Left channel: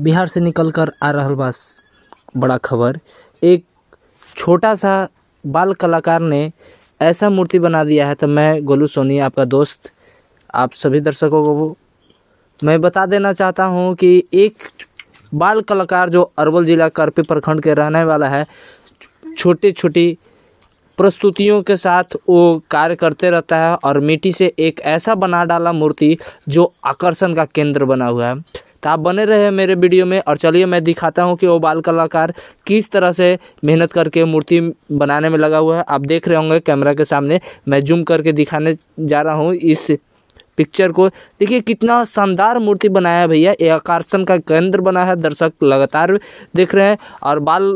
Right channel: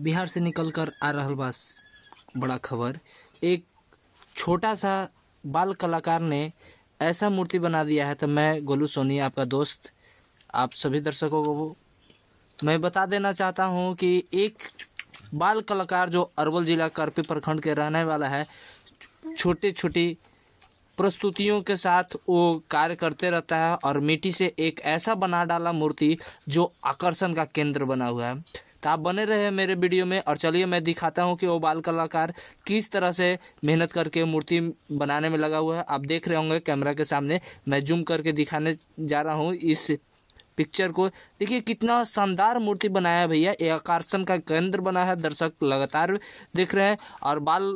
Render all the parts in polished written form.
बिहार से निकल कर आ रहल बा बड़ा खबर। एक छोटा सा बाल कलाकार ने ऐसा मूर्ति बना दिया है। तो मैं गोलू सोनी, आपका दोस्त, आप सभी दर्शकों को मैं बता देना चाहता हूं कि एक बाल कलाकार जो अरवल जिला करपी प्रखंड के रहने वाला है, छोटी छोटी प्रस्तुतियों के साथ वो कार्य करते रहता है और मिट्टी से एक ऐसा बना डाला मूर्ति जो आकर्षण का केंद्र बना हुआ है। तो आप बने रहे मेरे वीडियो में और चलिए मैं दिखाता हूं कि वो बाल कलाकार किस तरह से मेहनत करके मूर्ति बनाने में लगा हुआ है। आप देख रहे होंगे कैमरा के सामने, मैं जूम करके दिखाने जा रहा हूं इस पिक्चर को। देखिए कितना शानदार मूर्ति बनाया है भैया, ये आकर्षण का केंद्र बना है। दर्शक लगातार देख रहे हैं और बाल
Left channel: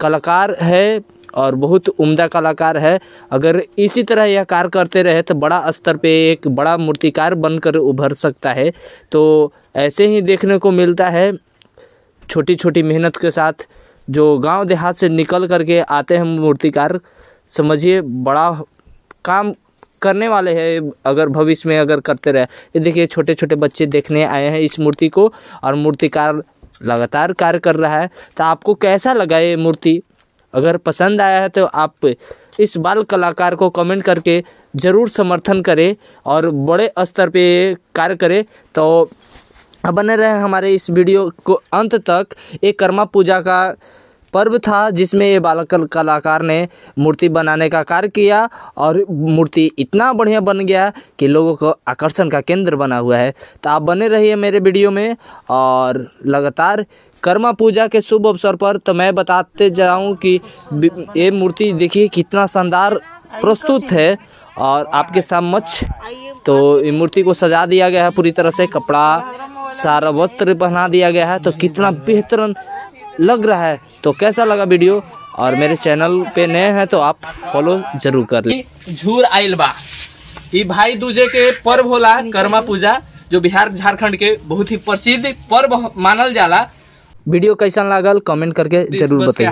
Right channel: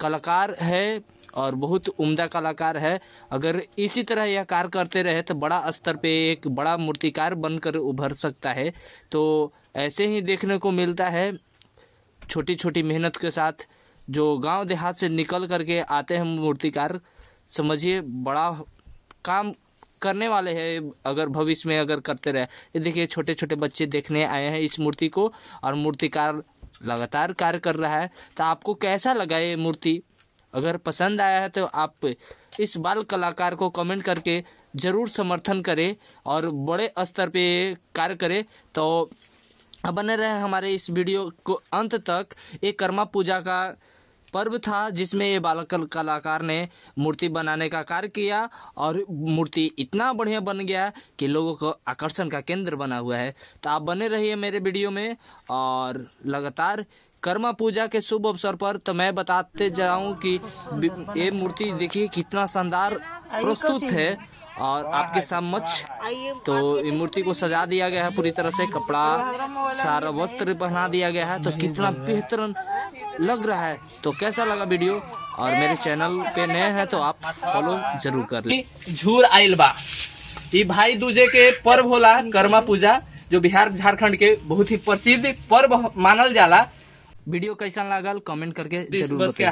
कलाकार है और बहुत उम्दा कलाकार है। अगर इसी तरह यह कार्य करते रहे तो बड़ा स्तर पे एक बड़ा मूर्तिकार बनकर उभर सकता है। तो ऐसे ही देखने को मिलता है, छोटी छोटी मेहनत के साथ जो गांव देहात से निकल करके आते हैं मूर्तिकार, समझिए बड़ा काम करने वाले हैं अगर भविष्य में अगर करते रहे। ये देखिए छोटे छोटे बच्चे देखने आए हैं इस मूर्ति को और मूर्तिकार लगातार कार्य कर रहा है। तो आपको कैसा लगा ये मूर्ति? अगर पसंद आया है तो आप इस बाल कलाकार को कमेंट करके ज़रूर समर्थन करें और बड़े स्तर पे कार्य करें। तो अब बने रहे हमारे इस वीडियो को अंत तक। एक कर्मा पूजा का पर्व था जिसमें ये बाल कलाकार ने मूर्ति बनाने का कार्य किया और मूर्ति इतना बढ़िया बन गया कि लोगों को आकर्षण का केंद्र बना हुआ है। तो आप बने रहिए मेरे वीडियो में और लगातार कर्मा पूजा के शुभ अवसर पर तो मैं बताते जाऊं कि ये मूर्ति देखिए कितना शानदार प्रस्तुत है और आपके समक्ष तो ये मूर्ति को सजा दिया गया है पूरी तरह से, कपड़ा सारा वस्त्र पहना दिया गया है। तो कितना बेहतरीन लग रहा है। तो कैसा लगा वीडियो? और मेरे चैनल पे नए हैं तो आप फॉलो जरूर कर लें। झूर आइल बा, ये भाई दूजे के पर्व होला कर्मा पूजा, जो बिहार झारखंड के बहुत ही प्रसिद्ध पर्व मानल जाला। वीडियो कैसा लागल कमेंट करके जरूर बताइए।